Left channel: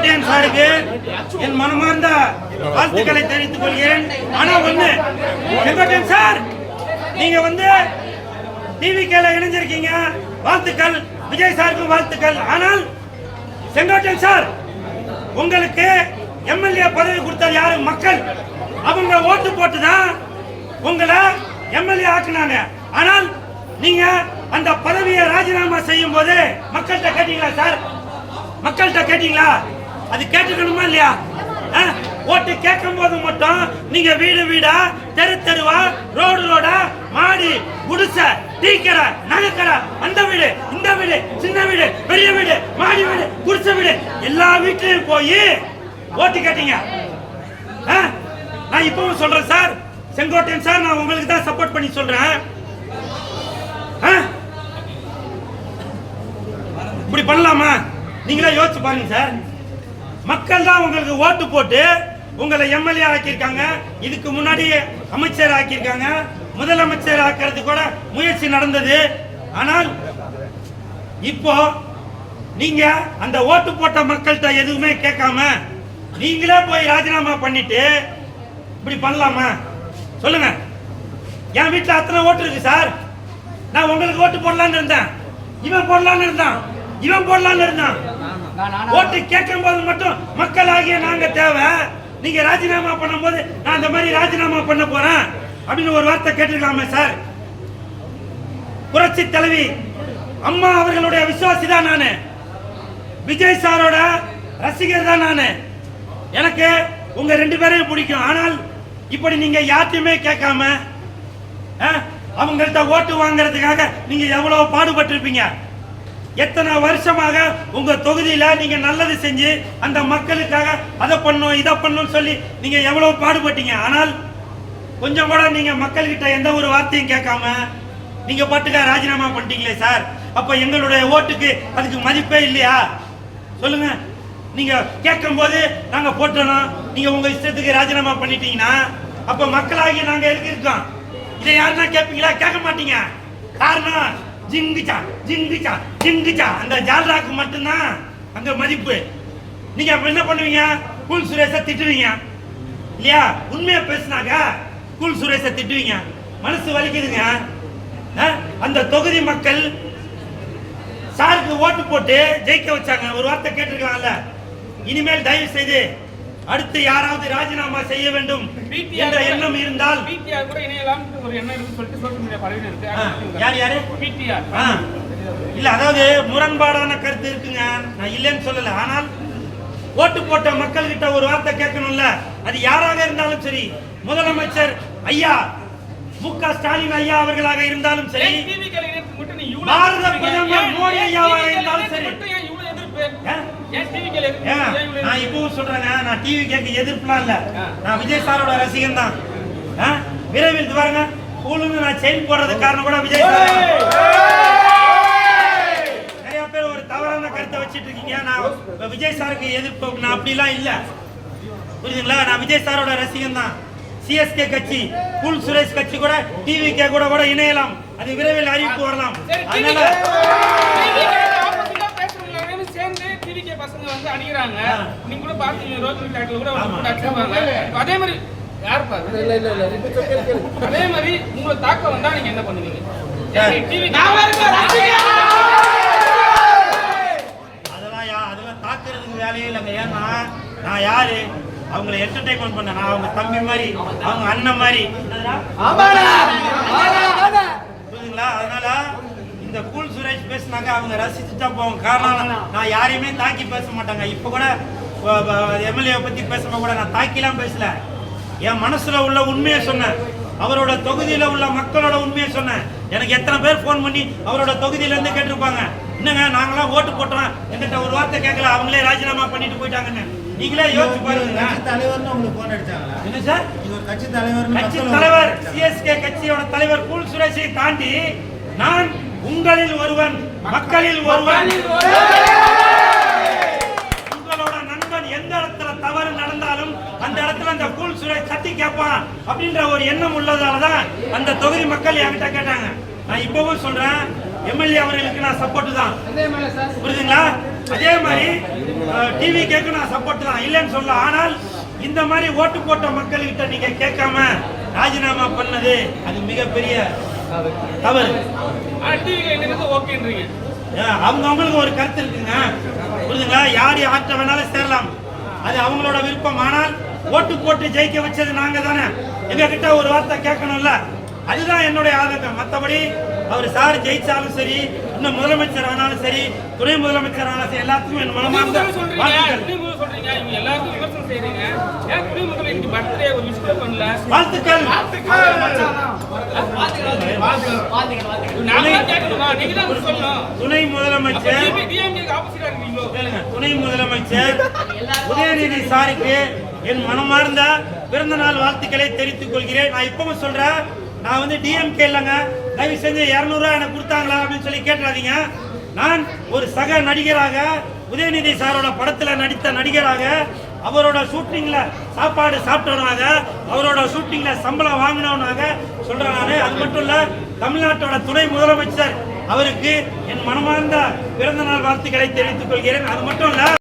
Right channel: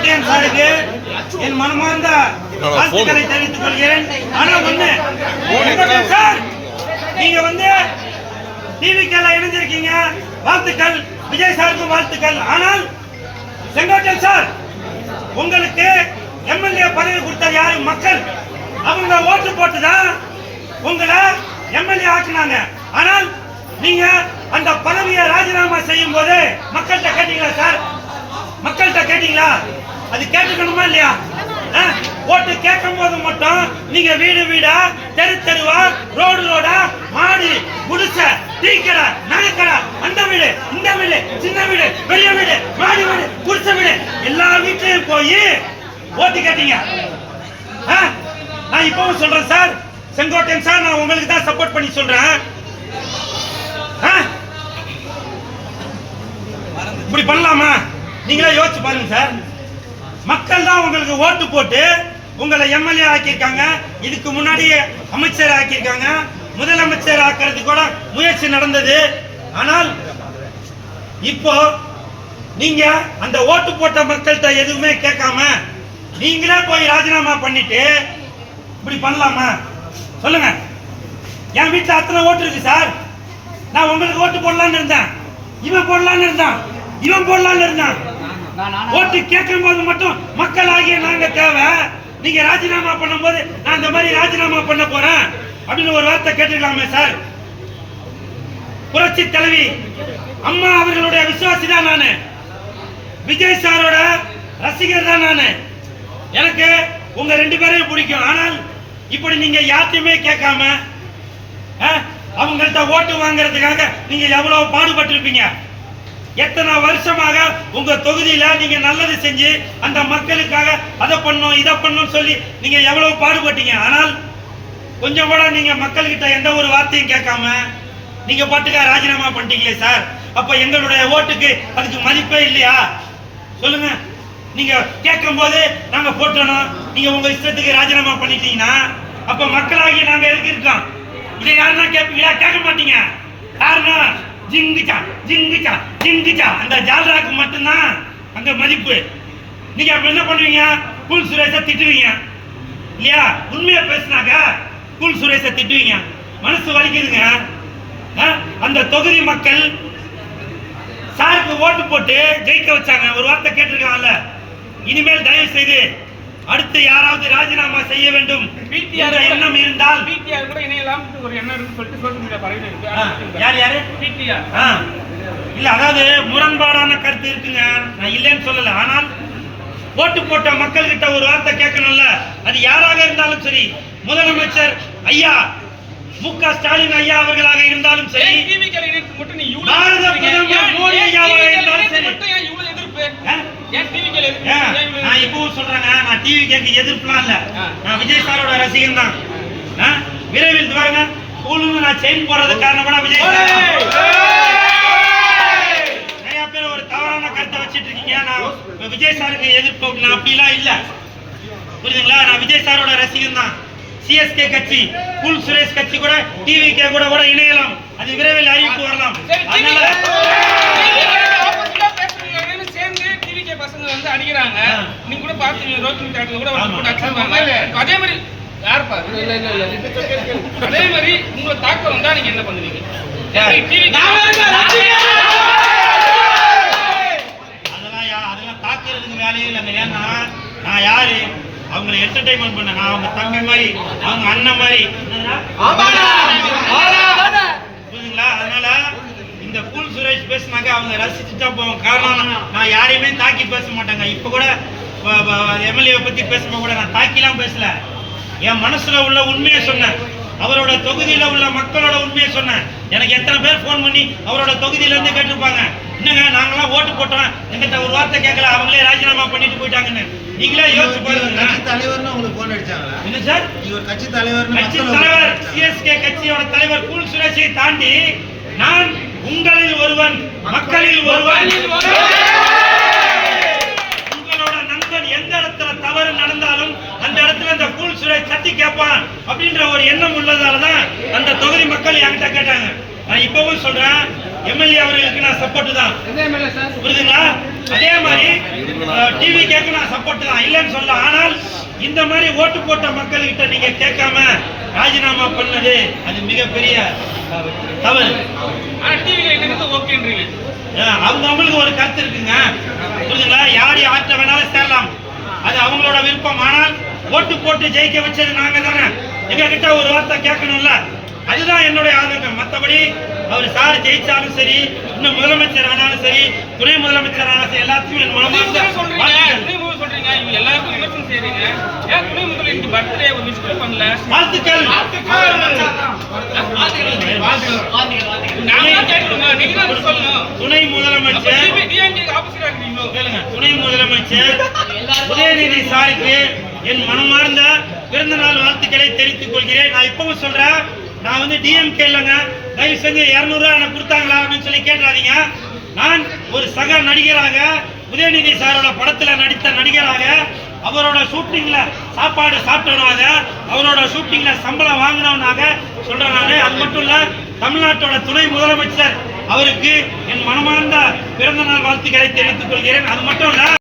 செங்கோட்டையன் சாருக்கு என் மனமார்ந்த வாழ்த்துக்களை தெரிவித்துக் கொள்கிறேன். ஆனால் ஒண்ணு சார். நீங்க வந்து டிவிக்கேல இணைஞ்சிருக்கீங்க. வாழ்த்துக்கள். விஜய் சாருக்கும் வாழ்த்துக்கள். ஆனால் செங்கோட்டையன் சார் உங்களுக்கு எம்எல்ஏ பதவி கொடுத்தது யாரு? மக்கள். அவங்க ஓட்டு போட்டு தான் உங்களை எம்எல்ஏ ஆக்குனாங்க. ஆனால் நீங்க அந்த பதவியை ராஜினாமா செய்யும் போது மக்கள்கிட்ட கேட்டீங்களா சார்? மக்கள்கிட்ட கேட்டீங்களா? அது கேட்டுக்கணுமா இல்லையா ஆ? ஓட்டு கேட்கும் போது மட்டும் நீங்க வீடு வீடா தெரு தெருவா ரோடு ரோடா மாடி குடிசை டீ கடை நகைக்கடை அந்த வீடு இந்த வீடு சின்ன வீடு பெரிய வீடு மாடி வீடு குடிசை வீடு எல்லா வீட்லயும் போய் ஓட்டு கேட்டீங்க ஆ? நான் இப்பவும் சொல்றேன் சார் செங்கோட்டையன் சார் நான் உங்களுக்கு தான் சப்போர்ட் பண்ணி சொல்றேன் ஆ? இப்படி பண்ணலாமா நீங்களே யோசிச்சு பாருங்க சார் மக்கள் தான் உங்களுக்கு ஓட்டு போட்டு உங்களை எம்எல்ஏ ஆக்கியிருக்காங்க. இதுக்கு முன்னாடி அமைச்சர் ஆக்கியிருக்காங்க. முதலமைச்சர் ஆக்கிறது கூட முயற்சி நடந்தது. ஆனால் இப்போ நீங்க அந்த ஓட்டு போட்ட மக்கள்கிட்ட எதுவுமே கேட்காம நீங்களே போய் ராஜினாமா பண்ணிட்டு இப்படி பண்ணலாமா? சொல்லுங்க. என் வீட்டில் அத்தனை ஓட்டு இருக்கு சார். நான் உங்களுக்கு ஓட்டு போடலான்னு இருந்தேன். இவன் போடலான்னு இருந்தான். இவன் போடலான்னு இருந்தான். ஓட்டு கேட்கும் போது மட்டும் மக்கள் ஆகிய நாங்க தேவை. நீங்க ராஜினாமா பண்ணும்போது நான் இந்த மாதிரி ராஜினாமா பண்ண போறேன். அப்படின்னு ஒரு வார்த்தை கேட்டுக்கலாமே சார். புரட்சி தலைவி அம்மா அவர்களுடைய விசுவாசி தான் நானு. விஜய் சாரோட ரசிகர் தான் நானு. எனக்கு உங்க ரெண்டு பேரையும் பிடிக்கும். ஆனால் இப்படி நீங்க யார்த்தையுமே கேட்காம அவங்கள்ட்ட ஓட்டு வாங்குறதுக்காக நீங்க எவ்வளவு பாடுபட்டிருப்பீங்க? எத்தனை வருஷமாக உங்க தொகுதியில நீங்க நல்லது செஞ்சு அந்த மக்களுக்காக அதை பண்ணும் இதை பண்ணும் சொல்லி நீங்க எவ்வளவு பாடுபட்டீங்க? ஆனால் கொஞ்சம் கூட நீங்க மக்கள்கிட்ட எந்த ஒரு வார்த்தையும் கேட்காம நீங்க பாட்டுக்கா ராஜினாமா பண்ணிட்டீங்களே சார். அப்ப எங்களுடைய ஓட்டுக்கு அதுக்கு மதிப்பே இல்லையா? சொல்லுங்க. நீங்க கேட்கும் போது நாங்க போட்டணும். நீங்க உங்க இஷ்டத்துக்கு ராஜினாமா பண்ணிட்டீங்கன்னா அப்ப மக்களாகி நாங்க எதுக்கு இருக்கோம்? இதை யாருன்னா கேட்பீங்களா? கேட்க மாட்டீங்க. காரணம் ஜிங்கிச்சா ஜிங்கிச்சா ஜிங்கிச்சா அந்த ஜால்ராக்கு மட்டும்தான் அங்க மதிப்பு. நீங்க அப்ப என்ன பண்ணுவீங்க? குல் சுரேஷை திட்டுவீங்க. இல்லையா? உண்மையா பேசினாங்க குல் சுரேஷை திட்டுவீங்க. மனசு வலிக்குதுங்க. அந்த தொகுதி மக்கள் சாருக்கு ஓட்டு போட்டு ஜெயிக்க வச்சாங்க. ஒரு வார்த்தை கேட்டிருக்காங்கல்ல. இனிமேல் தயவு செய்து அடுத்து யாராவது ராஜினாமா செய்ய வேண்டும் என்ற எண்ணம் இருந்தால் பிடிஆர் கூட இணையலாம் ஒரு எண்ணம் இருக்குன்னு சொல்லிட்டு சோஷியல் மீடியா பரவி இருக்கு. ஆ, யார் யாரு? பிடிஆர். இல்ல அதாவது முரண்பாடான கருத்து இருக்குங்க. நான் இல்லைன்னு சொல்லல. ஆனால் ஓட்டு போட்ட மக்கள் கிட்ட ஒரு வார்த்தை கேட்கணும்ல. அது யாராக இருந்தாலும் சரி முதலமைச்சர் ஐயா மு க ஸ்டாலின் ஐயா அவர்களாக இருந்தாலும் சரி பாரத? பிரதமர் மோடி ஐயாவாக இருந்தாலும் சரி. நான்? இப்பவும் சொல்றேங்க. நான் டிவி கேட்க எதிர்ப்புலாம் இல்ல. நான் விஜய் சாரோட ரசிகன் தான்? விரைவில் பாருங்க. கூலுங்க நான் செயின் போடுறதுக்கு காரணம் கூட விஜய் சார். நிறைய பேர் ஒரு தவறான கருத்தை வச்சிட்டு இருக்கீங்க. நான் விஜய் சாருக்கு எதிர்ப்பு நான் அப்படிலாம் இல்ல. புரியுதுங்களா? நான் விஜய் சாரோட ரசிகன் தான். சிஎஸ்கே கட்சி குல் சுரேஷ் கட்சி கூட டிவி கே கூட கூட இணையலாம். அது விரைவில் அறிவிப்பு வரலாம். அதனால ரோட்டிங் தேட்டர்ல கூட. போட்டு அதே மாதிரி யாருப்பா? இல்ல இல்ல இல்ல அதே மாதிரி உங்களை தாக்கம் வந்தா நீங்க என்ன பண்ணுவீங்க? அதெல்லாம் யா- அதெல்லாம் தாக்குறதுக்கு வேலையே இல்லைங்க ஏன்னா நான் யாரு? அவங்கள என்டர்டைன்மெண்ட் பண்ண நான் அவங்க தம்பி மாதிரி அவங்க அண்ணன் மாதிரி. புரியுதுங்களா? அதனால இந்த கூல் சுரேஷ் பேசினாக்க அவங்க ரசிச்சுட்டா போவோம் காரணம் நான் யாரையுமே தாக்கி பேச மாட்டாங்க. இப்ப கூட எம்எல்ஏ பத்தி பேசும்போது கூட நான் தாக்கிலாம் பேசல. என் மனசுல உள்ள உண்மையை சொன்னேன். அவரோட தொகுதியில உள்ள மக்களோட உண்மையை சொன்னேன். எனக்கு எத்தனை பேர் ஃபோன் பண்ணி அவரோட தொகுதியில இருந்து கேட்டிருப்பாங்க? என்னங்க நாங்களாம் ஓட்டு போட்டோம். எங்கிட்ட ஒரு வார்த்தை கேட்கல. அவங்களே ராஜினாமா பண்ணிட்டு போயிட்டாங்கன்னு. நீங்களே யோசிச்சு பாருங்க. கட்சி தலைவர்னு உங்களுக்கு போன் அடிச்சாங்களா? என்ன சார்? ஒரு கட்சி தலைவர்னு கட்சி தலைவர்? சிஎஸ்கே கட்சியோட தலைவர் கூல் சுரேஷை தாண்டி நான் உங்களில் ஒருவன். மக்களில் ஒருவன். சுரேஷ் தட்டி கேட்பான் அப்படின்ற ஒரு எண்ணம் உள்ளதால தான் அந்த தொகுதி மக்கள் என்கிட்ட கேட்டாங்க. நான் இப்பவும் சொல்றேன் எம்எல்ஏ அவர்களுக்கு நான் சப்போர்ட் தான். புரியுதுங்களா? அதே மாதிரி டிவி கேட்க நான் சப்போர்ட் தான். இல்லைன்னு சொல்ல ஆனால் இந்த மாதிரி ஓட்டு போட்ட மக்கள்கிட்ட நீங்க கேட்காம ராஜினாமா பண்ணது அது மிகப்பெரிய தவறு. அவங்க அவங்களுக்கு ஒரு கருத்து இருக்குங்க. புரியுதுங்களா? யார் யார்கிட்ட வேணாலும் சேரலாம். அது அவங்களோட விருப்பம். ஆனால் ஓட்டு போட்டு ஜெயிக்க வச்சது நாங்க தானே எங்க கிட்ட ஒரு வார்த்தை கேட்கணும்ல? அதுதான் என்னுடைய ஆதங்கம். மற்றபடி அவர் சார் ஜெயிச்சாலும் சரி இன்னும் முதலமைச்சர் ஆனாலும் சரி துணை முதலமைச்சர் ஆனாலும் சரி எல்லாத்துக்கும் என் மனமார்ந்த வாழ்த்துக்கள். துணை முதலமைச்சர். துணை முதலமைச்சர். உதயநிதி சாருக்கு என் மனமார்ந்த பிறந்த நாள் வாழ்த்துக்களை தெரிவித்துக் கொள்கிறேன். நான் இப்பவும் சொல்றேன் நான் வந்து டிஎம்கே இல்லைங்க. தயவு செஞ்சு இரநூறுவா எனக்கு கொடுத்தாங்களா அப்படின்னு சொல்லி கேட்டுறாதீங்க. நான் ஒரு சக நடிகராக உதயநிதி சாரோட படத்துல நடித்த நடிகராக அவரோட ஷூட்டிங்ல சாப்பாடு சாப்பிட்டவனாக அவரோட ஷூட்டிங்ல சம்பளம் வாங்கினவனாக சொல்றேன் நான். அது மட்டும் இல்ல தமிழ்நாட்டோட துணை முதலமைச்சர் அவருக்கு என் மனமார்ந்த பிறந்த நாள் வாழ்த்துக்களை தெரிவித்துக் கொள்கிறேன். அது மட்டும் இல்ல